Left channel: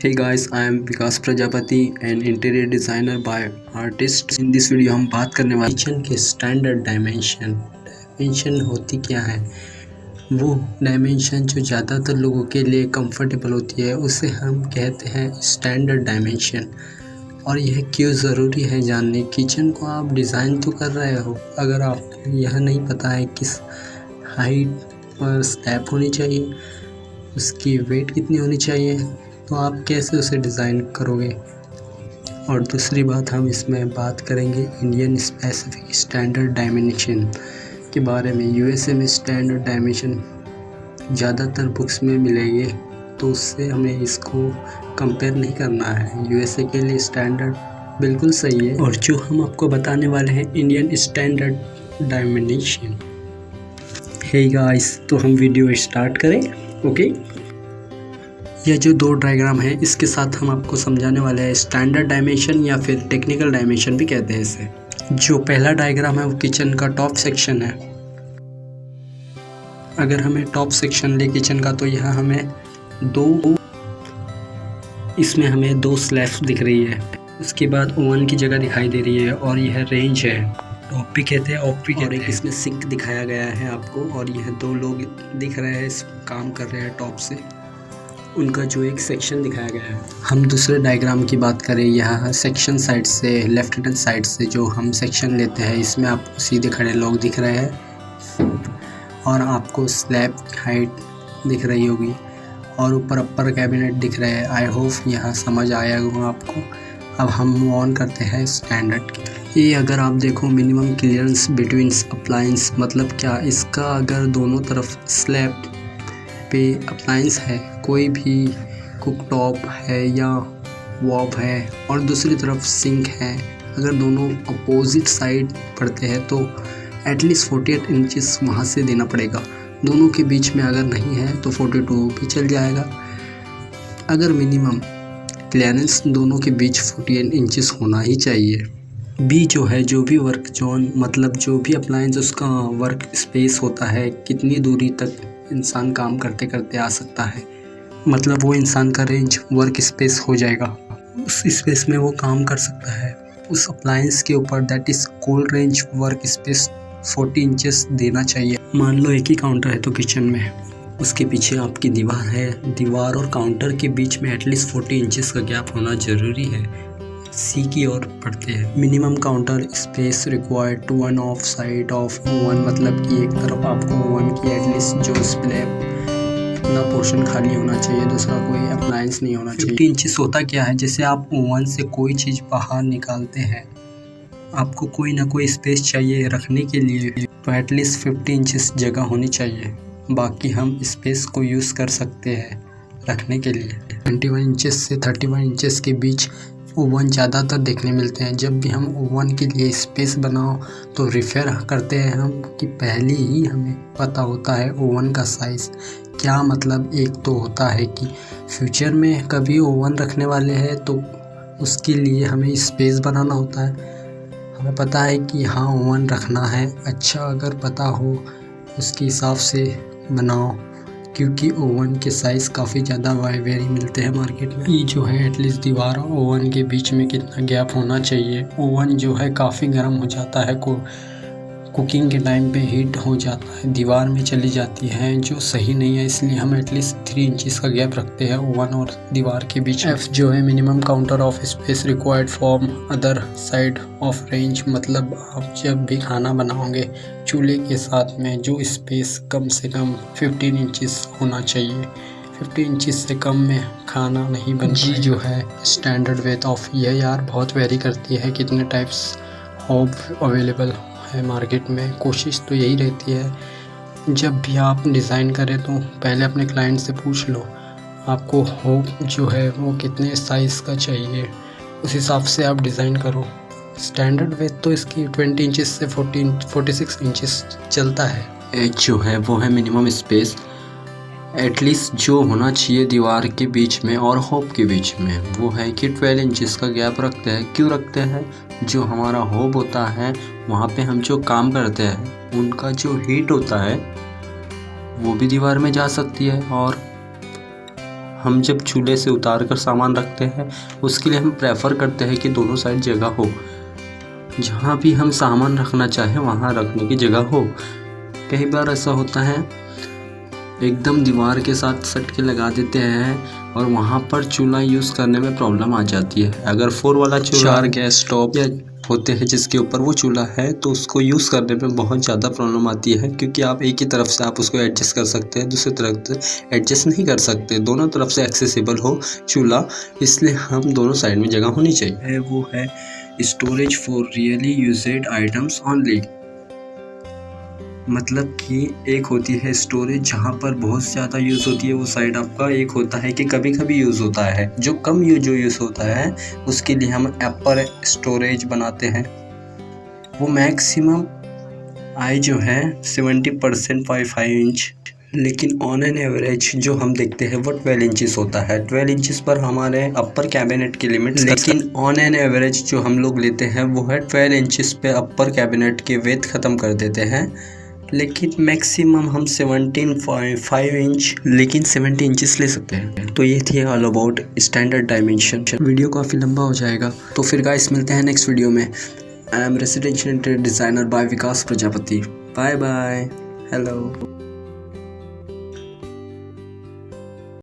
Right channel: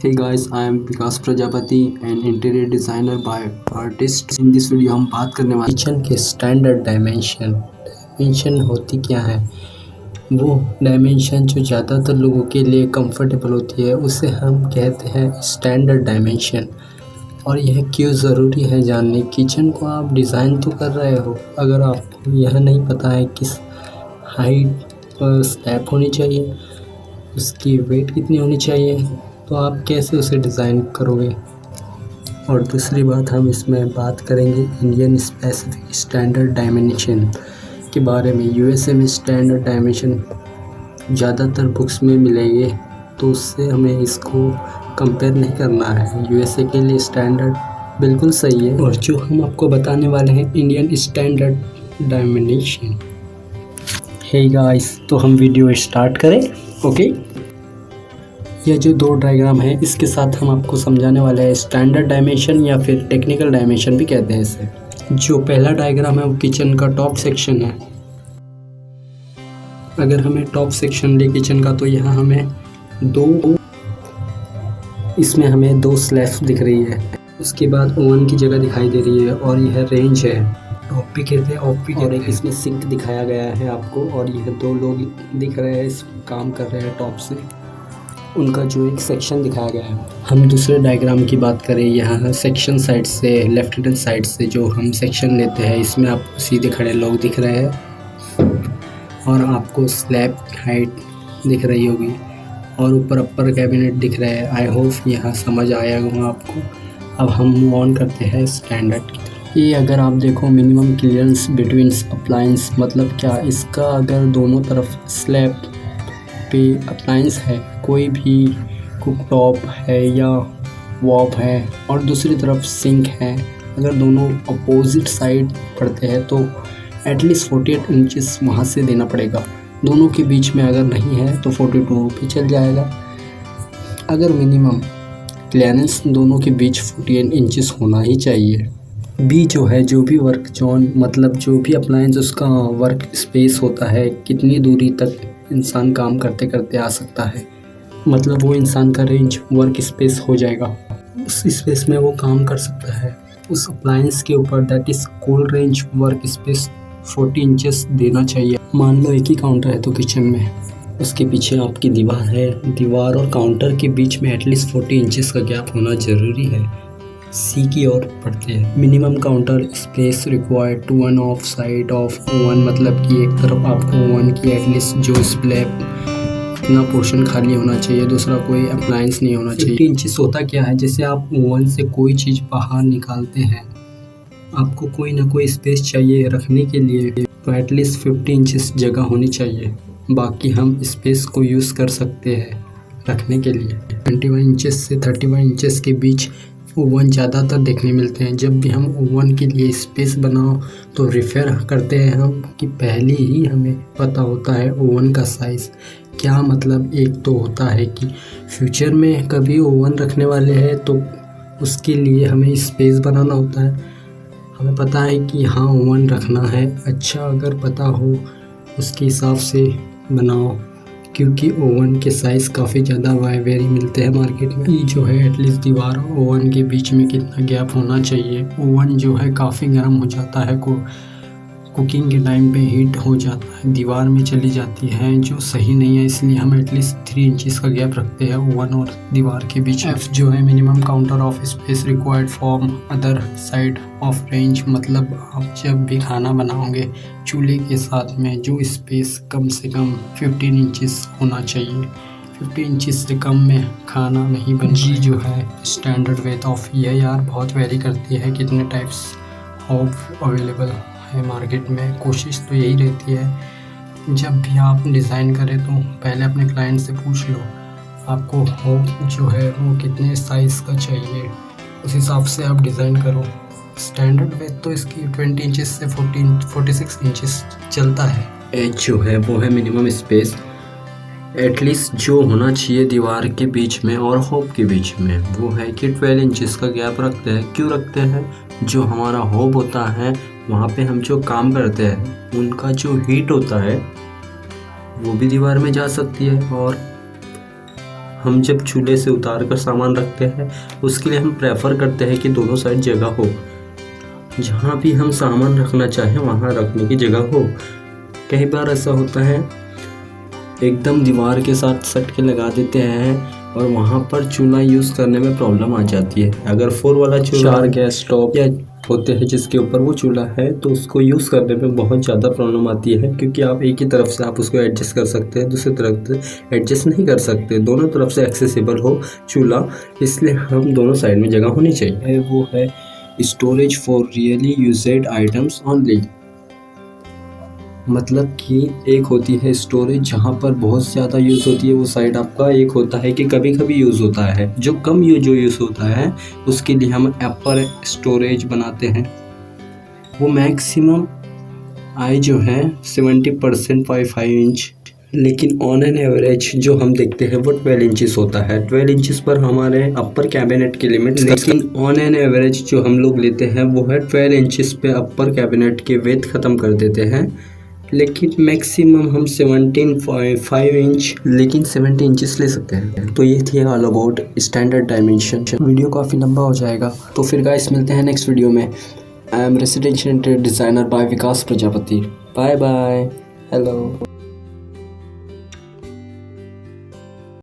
Hey guys, I am Vikas Prajapati, an interior designer by artist. In this video हम बात करने वाले kitchen के स्टैंडर्ड डायमेंशन। डायमेंशन होती क्या है? वो डायमेंशन जो ज़्यादातर लोगों के लिए कंफर्टेबल होती है उसे हम कहते हैं स्टैंडर्ड डायमेंशन। और यह क्यों ज़रूरी है जानने। किचन को आप डिज़ाइन तो कर रहे हो, अगर आपको यह नहीं पता है किस हाइट पर स्लैब होनी चाहिए, उसकी वेट कितनी होनी चाहिए, तो आप कैसे उसे डिज़ाइन करोगे। और दूसरी बात, हम इसमें बात करेंगे इंडियन स्पेसिफिक स्टैंडर्ड डायमेंशन के बारे में। यूएसए में स्टैंडर्ड डायमेंशन ज़्यादातर बुक्स में मिलेंगे, तो उससे हमें इसको कंपेयर नहीं करना है। यूएसए के लिए स्टैंडर्ड बिल्कुल सही है। और जो हम आपको बताने वाले हैं Indian standard dimension. Hey guys, तो हम वीडियो स्टार्ट करें। ओके, यह जो दो डायग्राम है इसके साथ हम आपको समझाने वाले हैं स्टैंडर्ड डायमेंशन या फिर टेक्निकल डायमेंशन भी कहते हैं इसे। जो पहला डायग्राम है वो किचन का टॉप सेक्शन है। अगर हमें टॉप सेक्शन ले किचन का, तो यहाँ हमें इसमें हमें दो स्लैब्स दिख रही है। उसके बाद ओवन की जगह दिखाई दे रही है और यह रेंज है, टॉप भी कहते हैं, ऑफ भी कहते हैं। इसमें सिंक दिखाया गया है आपको, और यह दो लोग दिख रहे हैं, इस काम कर रहे हैं टॉप से, उनका जो एक सेक्शन दिखाया गया है। हम दूसरे डायग्राम की बात करें, यहाँ सेक्शन साइड से, लेफ्ट हैंड साइड से जो हम सेक्शन लेते हैं, इसमें आपको सीधे खड़े लोग दिख रहे हैं और आपको स्लैब हाइट दिख रही होगी और ऊपर अपर कैबिनेट दिख रहे हैं। आई होप यहाँ समझ आया होगा आपको। अब हम मूव ऑन करते हैं स्टैंडर्ड की तरफ। ये अगर आप देखो, मिनिमम क्लियरेंस बिटवीन अप्लायंस, मतलब क्या, इसका अगर दोनों तरफ स्लैब पे अप्लायंस है, कोई भी कुकटॉप है या वॉब है और दूसरी तरफ सिंक है, अगर दोनों अपोजिट साइड पड़ते हैं तो एटलीस्ट 48 इंचेस वहाँ से देना पड़ेगा। दोनों के बीच में अगर नहीं है तो 42 भी चल जाएगा। अगर मिनिमम क्लियरेंस दोनों के बीच 48 इंचेस होना ही चाहिए। बी जो है, जो भी वर्क जोन, मतलब जो भी अप्लायंस उसका वर्क स्पेस होता है, कितनी दूरी तक इंसान काम करते करते आ सकता है, मतलब वो इंसान का रेंज वर्क स्पेस हो जाएगा, उस स्पेस में वो काम कर सकता है उस अप्लायंस के ऊपर। That is cool range work space 40 inches देना चाहिए। मान लो एक ही काउंटर है तो किचन में, उसके पीछे आपकी दीवार है, दीवार और काउंटर के बीच में एटलीस्ट 40 इंचेस का गैप होना ज़रूरी है। सी की ओर पढ़ते हैं। Minimum counter space required to one of side of oven, मतलब कि एक तरफ आपको ओवन की एटलीस्ट जो स्लैब इतना पोर्शन खाली होना चाहिए, दूसरा कोई अप्लायंस नहीं होना चाहिए। 50 इंचेस होता क्या है, जैसे आप ओवन से कोई चीज़ बाहर निकालते हैं, आपको कोई ना कोई स्पेस चाहिए रखने के लिए, तो एटलीस्ट 50 इंचेस जगह होनी चाहिए। बाकी हम स्पेस को यूज़ कर सकते हैं रखने के लिए। 21 इंचेस से 31 इंचेस के बीच ओवन ज़्यादातर देखने मिलते हैं। जब भी हम ओवन के लिए स्पेस बनाओ तो रेफर करते हैं हम कि पहले ही हमें पता होता है ओवन का साइज़ क्या। मतलब एक तो होता है कि फ्यूचर में कभी ओवन रखने वाले हैं तो उसके लिए हमें स्पेस बनाना होता है। हमें पता है कि हाँ ओवन रखना है, अच्छा अगर पता हो उसके हिसाब से बनाओ, क्योंकि ओवन के साइज़ काफ़ी ज़्यादा वेरी मिलते हैं मार्केट में। ये जो है एटलीस्ट दीवार और ओवन के बीच में कितना गैप होना चाहिए। ओवन जो है काफ़ी गर्म हो जाता है, कुकिंग के टाइम पे हीट हो जाता है, दीवार में चली जाती है, जो सही नहीं है। इसलिए हम एटलीस्ट 3 इंचेस का गैप रखते हैं ओवन और दीवार के बीच। एफ जो है minimum counter of space required from other side of range, मतलब आप जब भी खाना बनाओगे चूल्हे के साथ में जो स्पेस कम से कम 15 इंचेस होना चाहिए। 50 इंचेस से कम में खाना नहीं बन। जी जो है स्टैंडर्ड वेट ऑफ, यह यार बहुत वेरी करती है कितने टाइप्स ऑफ अवेलेबल है मार्केट में। कोशिश तो यही रहती है जब भी आप डिज़ाइन करें तो पहले अपने क्लाइंट से पूछ लो आपको होप जो है वो कितने साइज़ का चाहिए, उस हिसाब से आप डिज़ाइन करो। स्टैंडर्ड वेट तो इसकी 20 इंचेस से 46 इंचेस चलता है। एच जो है वो है मिनिमम स्पेस एटलीस्ट जो होना चाहिए दीवार के बीच में और होप के बीच में, वो है कि 12 इंचेस का गैप रखते हैं। क्यों रखते हैं? जो हमारा होप होता है वहाँ पे हम जो काम करते हैं उनका जो हीट होता है वो भी दीवार में जा सकती है और हम जब चूल्हे से उतार कर सामान रखते हैं उसके लिए हम प्रेफर करते हैं कि दोनों साइड जगह हो, जहाँ भी हम सामान रखना चाहें वहाँ रखने की जगह हो। कई बार ऐसा होता है एकदम दीवार के साथ सट के लगा देते हैं और वहाँ पर चूल्हा यूज़ करने में प्रॉब्लम आ जाती है। अगर 4 वाला चूल्हा 4 गैस स्टोव या होते हैं जिसके ऊपर वो चूल्हा है तो उसको यूज़ करने में बहुत ज़्यादा प्रॉब्लम आती है, क्योंकि आप एक ही तरफ से आप उसको एडजस्ट कर सकते हैं, दूसरी तरफ से एडजस्ट नहीं कर सकते। दोनों तरफ से एक्सेसिबल हो चूल्हा, इसलिए हम दोनों साइड में जगह होनी चाहिए। वो है storage for really used items only, मतलब कि एक होती है स्टोरेज जहाँ पर बहुत ज़्यादा यूज़ होती है वो साइड आपका, एक होता है कि कभी कभी यूज़ होता है। जो कम यूज़ होता है उसके लिए हम अपर स्टोरेज बनाते हैं। वो मैक्सिमम आई जो है 70% 5 इंच, लेकिन ऑन एन एवरेज जो हम देखते हैं वो 12 इंचेस होता है। 12 इंचेस पर हमारे अपर कैबिनेट की लिमिट, लेकिन ऑन एन एवरेज जो हम लोग लेते हैं वो है 12 इंचेस पे अपर कैबिनेट के वेट ख़त्म कर देते हैं। लेकिन मैक्सिमम हम 17.5 इंच, लेकिन 70 इंचेस ले सकते हैं। तो ये थी all about standard dimension. Video काफ़ी लंबा हो जाएगा, तो फिर गाइस मिलते हैं नेक्स्ट वीडियो में। I am residential interior designer by Vikas Prajapati. Bye bye, hello.